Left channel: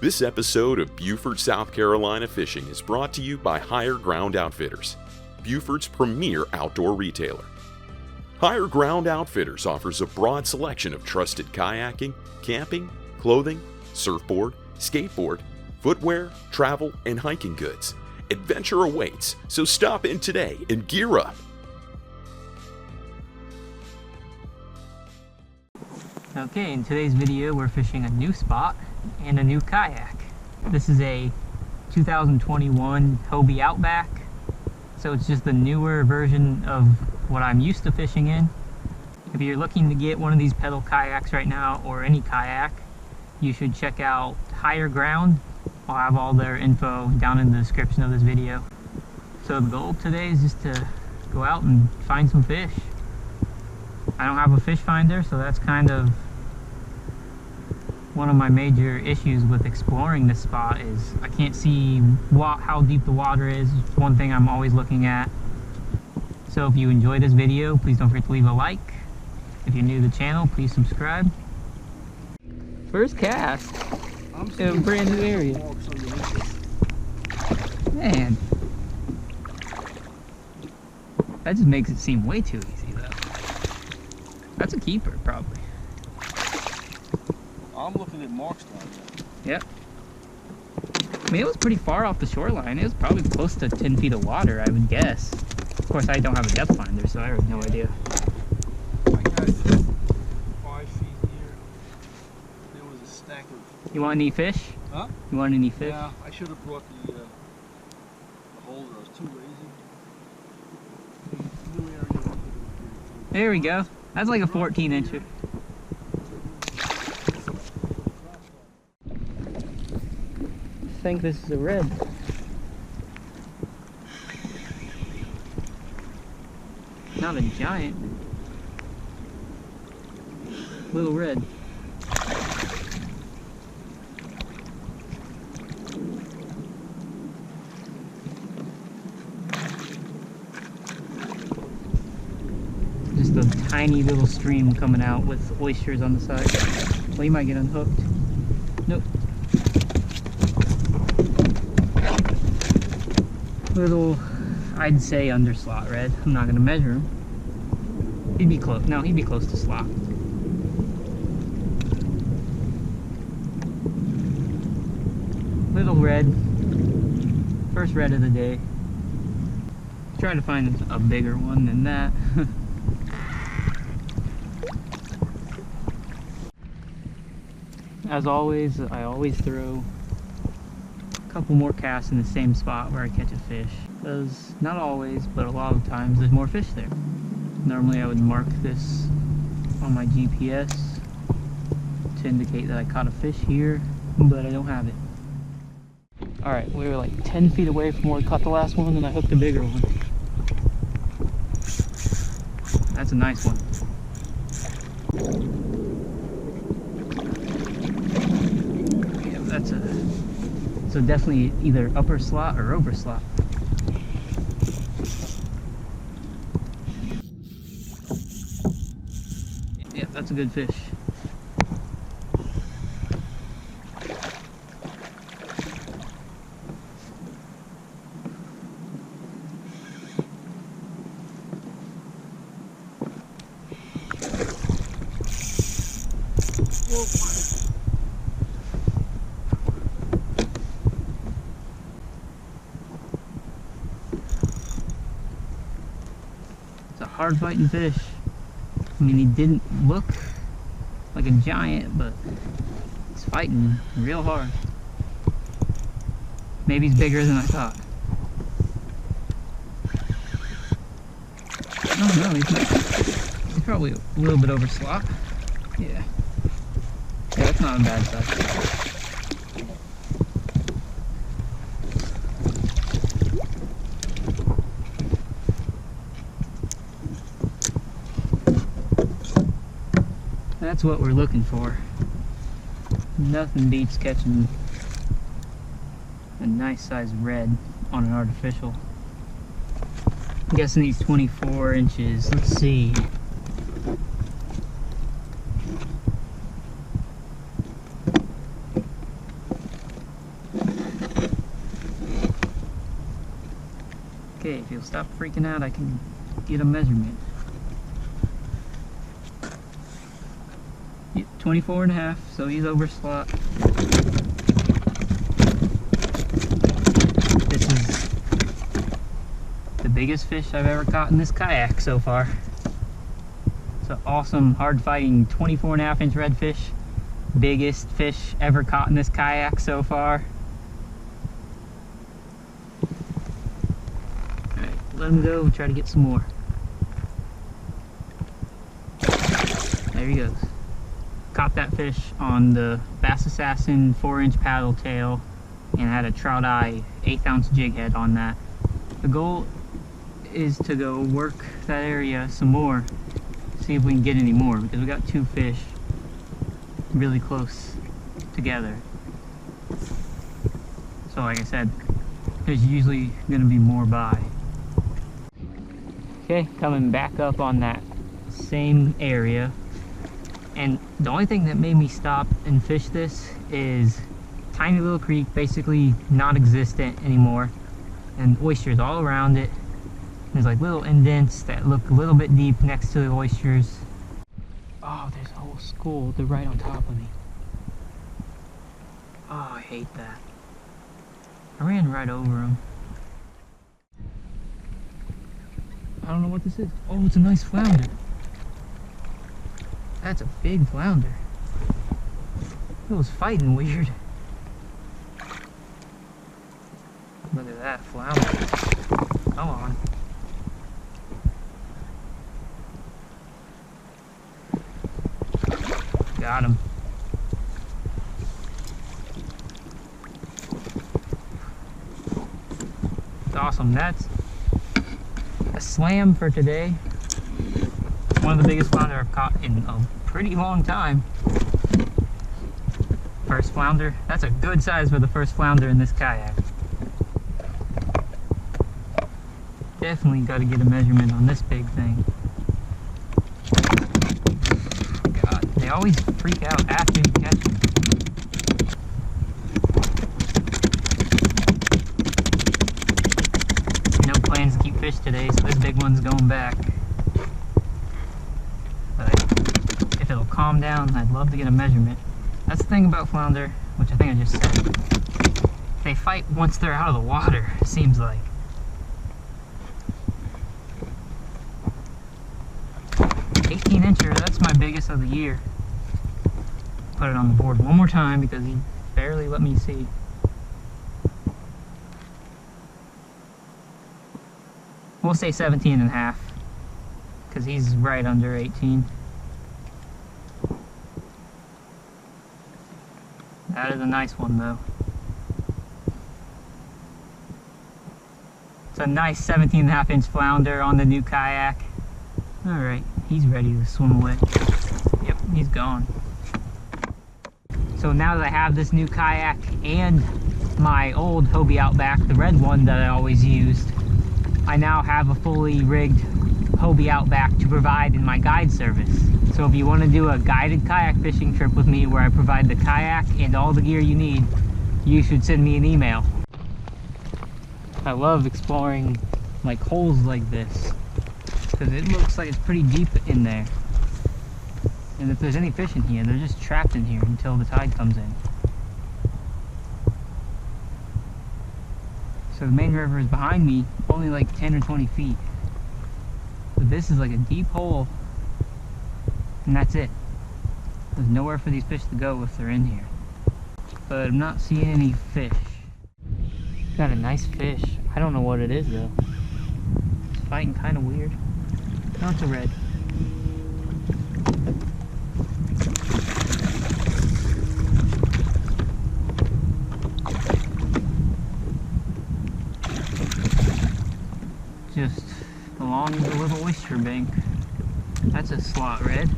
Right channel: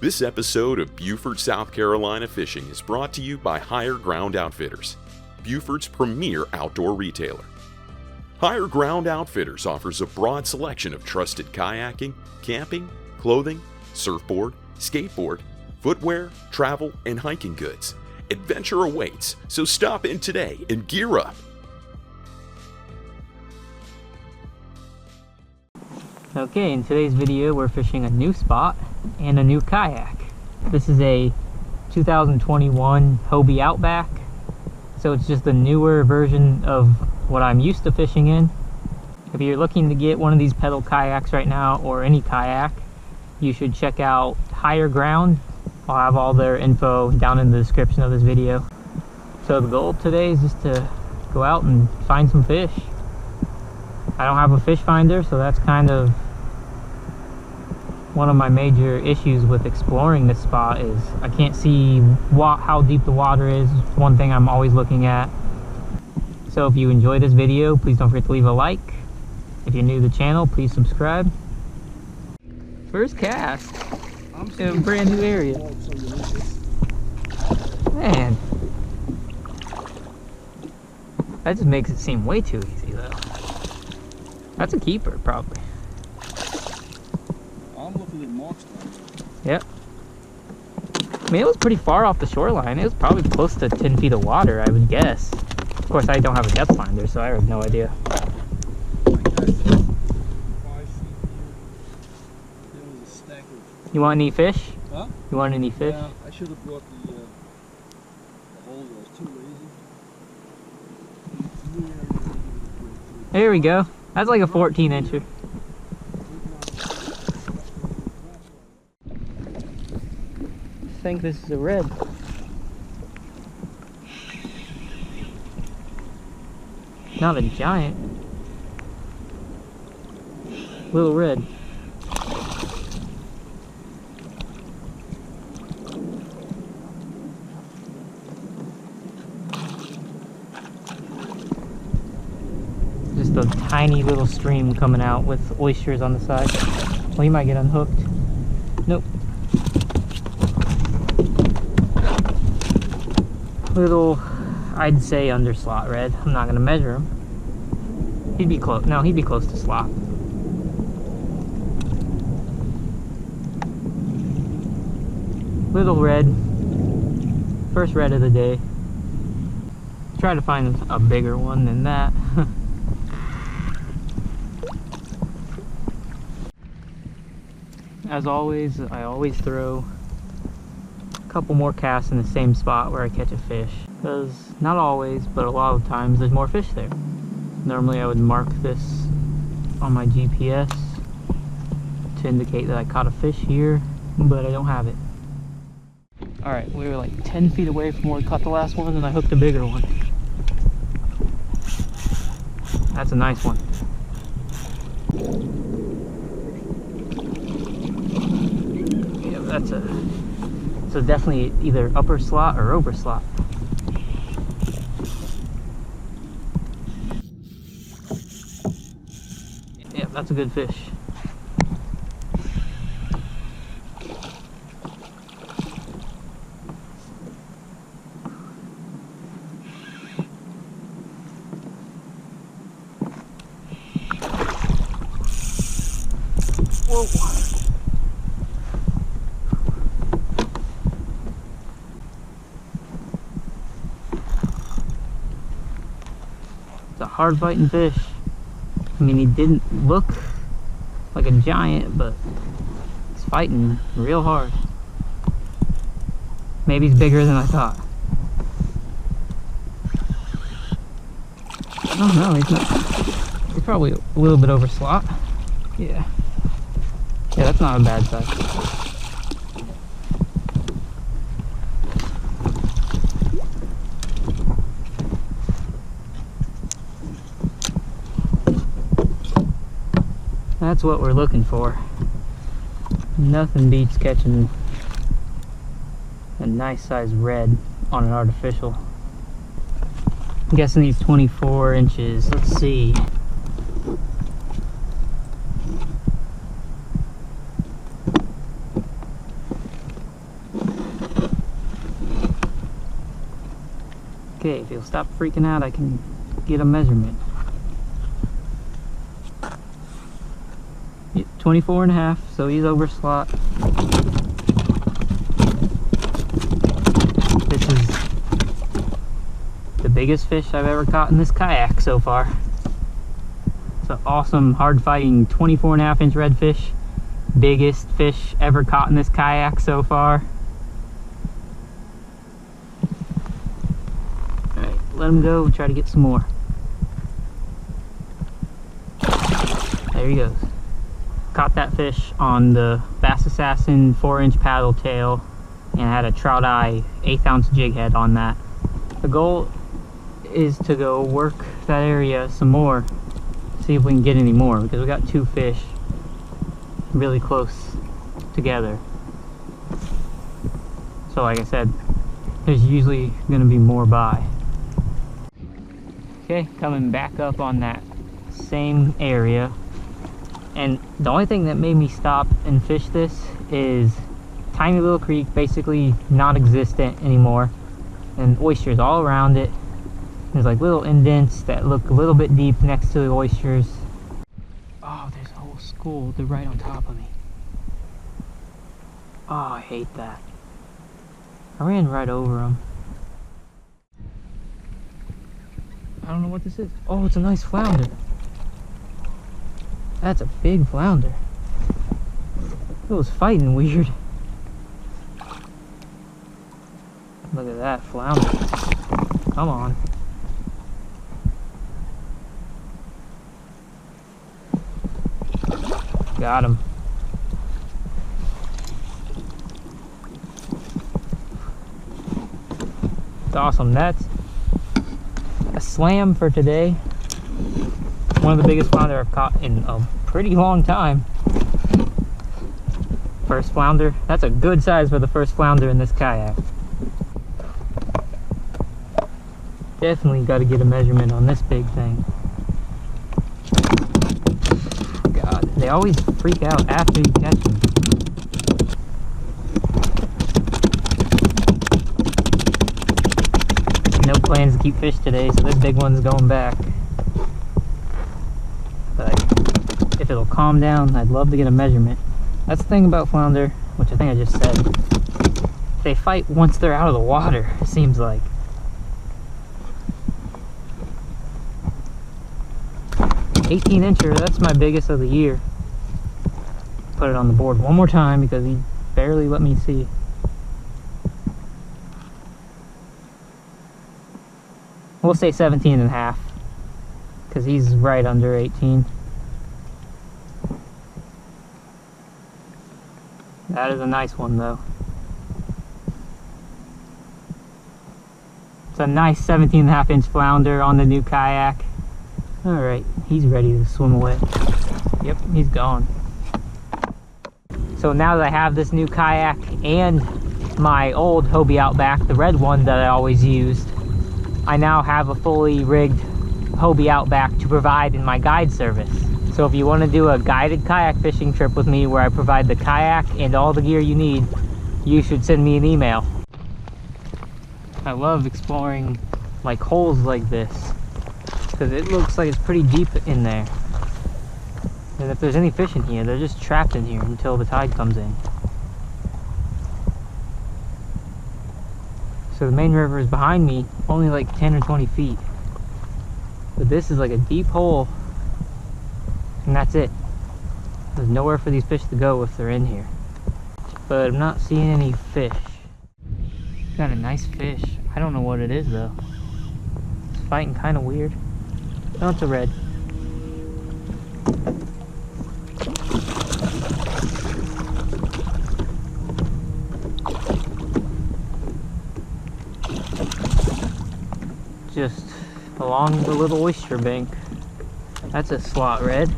This episode of Beaufort, South Carolina Fishing is brought to you by Higher Ground Outfitters, Beaufort's premier outdoor retailer. Higher Ground Outfitters offers a broad selection of trusted kayaking, camping, clothing, surfboard, skateboard, footwear, travel, and hiking goods. Adventure awaits, so stop in today and gear up. Okay, in today's video we're fishing a new spot and a new kayak. This is a 2021 Hobie Outback, so it's just the newer version of what I'm used to fishing in. If you're looking to get one of these pedal kayaks right now, or any kayak, you should check out Higher Ground. I'll have all their info down in the description of this video. So the goal today is just to go out and find some fish. I don't have a fish finder, so that's kind of one of my major issues with exploring this spot. Is I can't see how deep the water is. One thing I'm always looking at. So if you enjoy this video, please don't forget to leave a like. If you're new to the channel, please subscribe. First cast in a brand new area. Man, that just makes it seem way too easy though. That's a keeper, probably. I'm looking at marks down there. Yep. I mean, it was pretty far off the shoreline. It was probably close to 10 feet of water, I would guess. Of course, I don't have a depth finder, so I have no idea. I got 5 feet here. There was a stack of... You want any fish? Huh? You want any fish? Yeah, I should have brought the holder. I was too lazy. The new area, I'm gonna give it a break. There we go. That's like a 14-incher. I think this is a red. Not a giant. Little red. Just a tiny little stream coming out with oysters on the side. Well, you might get unhooked. Nope. Little, I'd say underslot red. I'm not gonna measure him. He'd be close. No, he'd be close to slot. Little red. First red of the day. Try to find a bigger one than that. As always, I always throw a couple more casts in the same spot where I catch a fish, because not always, but a lot of times there's more fish there. Normally I would mark this on my GPS to indicate that I caught a fish here, but I don't have it. Alright, we were like 10 feet away from where we caught the last one, and I hooked a bigger one. That's a nice one. Yeah, that's a... So definitely either upper slot or over slot. Yeah, that's a good fish. Whoa. It's a hard fighting fish. I mean, he didn't look like a giant, but he's fighting real hard. Maybe he's bigger than I thought. I don't know, he's probably a little bit over slot. Yeah. Yeah, that's not a bad size. That's what we're looking for. Nothing beats catching a nice size red on an artificial. I'm guessing he's 24 inches. Let's see. Okay, if he'll stop freaking out, I can get a measurement. 24 and a half, so he's over slot. This is the biggest fish I've ever caught in this kayak so far. It's an awesome, hard fighting 24 and a half inch redfish. Biggest fish ever caught in this kayak so far. Alright, let him go, try to get some more. There he goes. Caught that fish on the Bass Assassin 4-inch paddle tail and had a trout eye 1/8 ounce jig head on that. The goal is to go work that area some more, see if we can get any more, because we got 2 fish really close together. So like I said, there's usually going to be more by. Okay, coming back up on that same area. And the only thing that made me stop and fish this is tiny little creek, basically non-existent anymore, and oysters all around it. There's like little indents that look a little bit deep next to the oysters. Oh, there's a whole school. They're right on top of me. Oh, I hate that. I ran right over them. I don't know what this is. Oh, it's a nice flounder. That's a big flounder. It was fighting weird. Look at that flounder. Come on. Got him. It's awesome. That's a slam for today. One of the biggest flounder I've caught in a pretty long time. First flounder. That's a good size for the first flounder in this kayak. Definitely got to get a measurement on this big thing. God, they always freak out after you catch them. No plans to keep fish today, so this big one's going back. But if it'll calm down, I'd love to get a measurement. That's the thing about flounder, which I think I just said. They fight once they're out of the water, it seems like. 18-incher, that's my biggest of the year. Put it on the board one more time because he barely let me see. We'll say 17 and a half because he's right under 18. That is a nice one though. It's a nice 17 and a half inch flounder on the new kayak. Alright, he's ready to swim away. Yep, he's gone. So now that I have this new kayak and my old Hobie Outback, the red one that I always used, I now have a fully rigged Hobie Outback to provide in my guide service. So if you want to do a guided kayak fishing trip with me where I provide the kayak and all the gear you need, you should send me an email. I love exploring like holes like this because it looks like it's pretty deep in there. And if there's any fish in here, they're just trapped in here until the tide comes in. So the main river is behind me, only like 10 or 20 feet. But this is like a deep hole, and that's it. There's nowhere for these fish to go if they're in here. But I'm not seeing any fish. Got a nice fish. I don't know what it is though. It's fighting kind of weird. No, it's a red. Just along the little oyster bank. That's a slot red.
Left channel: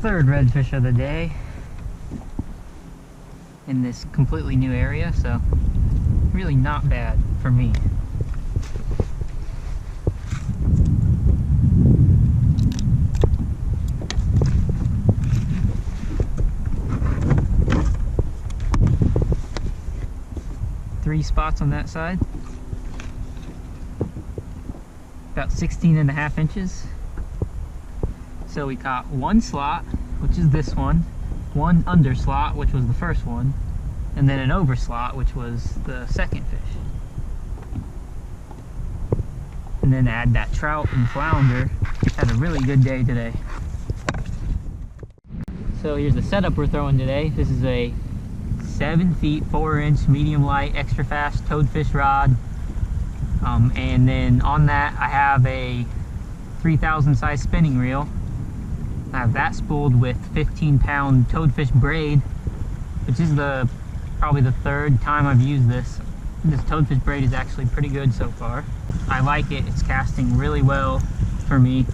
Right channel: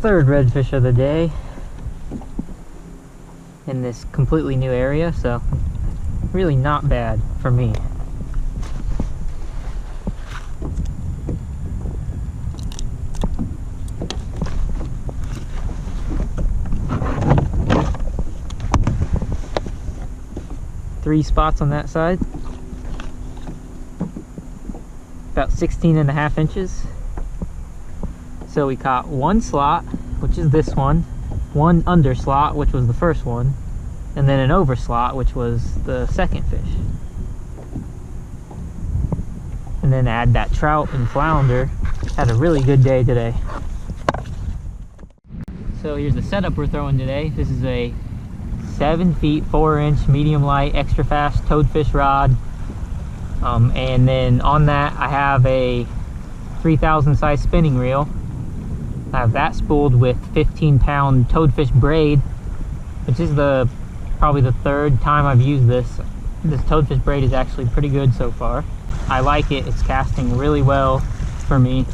Third redfish of the day. in this completely new area, so really not bad for me. Three spots on that side, about 16.5 inches. So we caught one slot, which is this one under slot, which was the first one, and then an over slot, which was the second fish. And then add that trout and flounder. Had a really good day today. So here's the setup we're throwing today. This is a 7 feet 4 inch medium light extra fast toadfish rod, and then on that I have a 3000 size spinning reel. I have that spooled with 15-pound toadfish braid, which is probably the third time I've used this. This toadfish braid is actually pretty good so far. I like it. It's casting really well for me.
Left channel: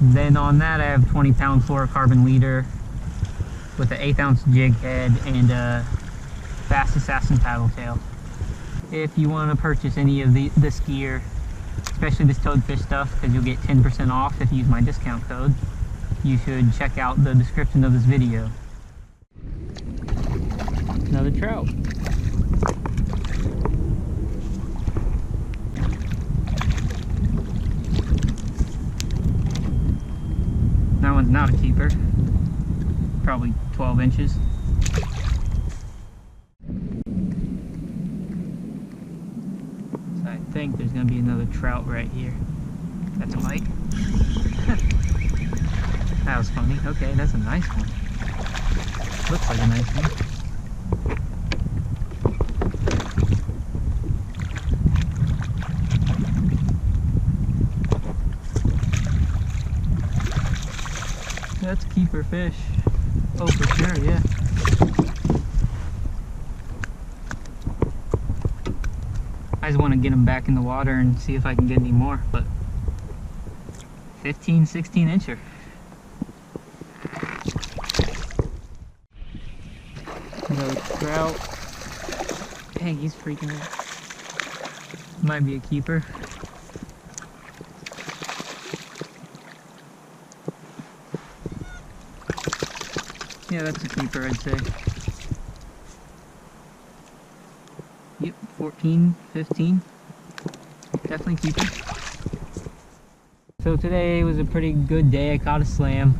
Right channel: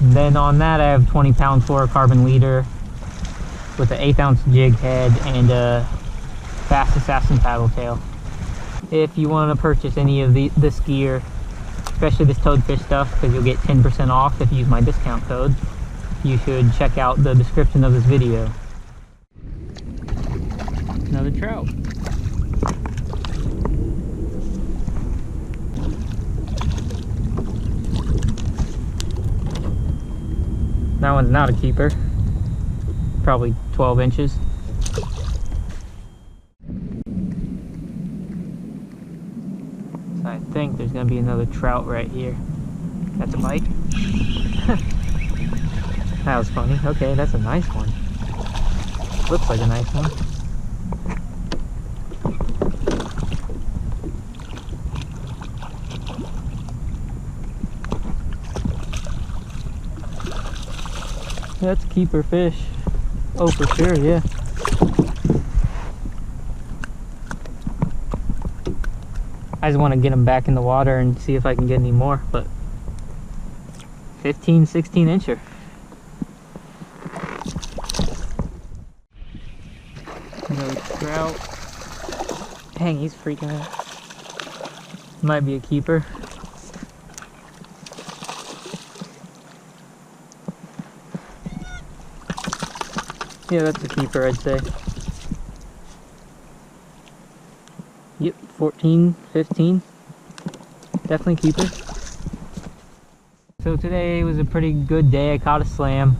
Then on that I have 20-pound fluorocarbon leader with an 1/8 ounce jig head and a Fast Assassin paddle tail. If you want to purchase any of this gear, especially this toadfish stuff, because you'll get 10% off if you use my discount code, you should check out the description of this video. Another trout. That one's not a keeper. Probably 12 inches. So I think there's gonna be another trout right here. That's a bite. That was funny. Okay, that's a nice one. Looks like a nice one. That's a keeper fish. Oh, for sure, yeah. I just want to get them back in the water and see if I can get any more, but 15, 16 incher. Another trout. Dang, he's freaking out. Might be a keeper. Yeah, that's a keeper, I'd say. Yep, 14, 15. Definitely keeper. So today was a pretty good day. I caught a slam.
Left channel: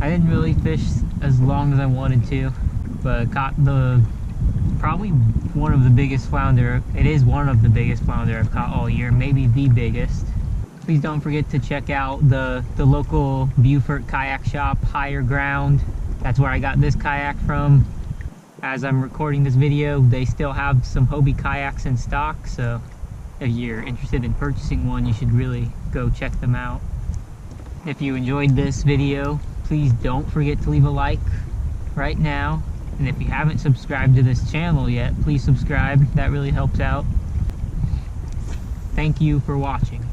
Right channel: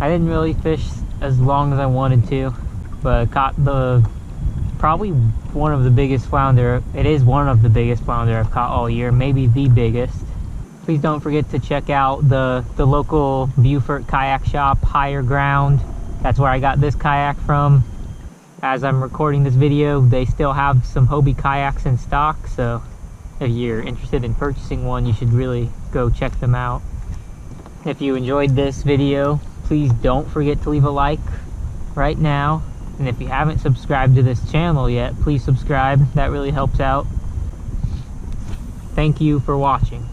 I didn't really fish as long as I wanted to, but I caught probably one of the biggest flounder. It is one of the biggest flounder I've caught all year, maybe the biggest. Please don't forget to check out the local Beaufort kayak shop, Higher Ground. That's where I got this kayak from. As I'm recording this video, they still have some Hobie kayaks in stock, so if you're interested in purchasing one, you should really go check them out. If you enjoyed this video, please don't forget to leave a like right now. And if you haven't subscribed to this channel yet, please subscribe. That really helps out. Thank you for watching.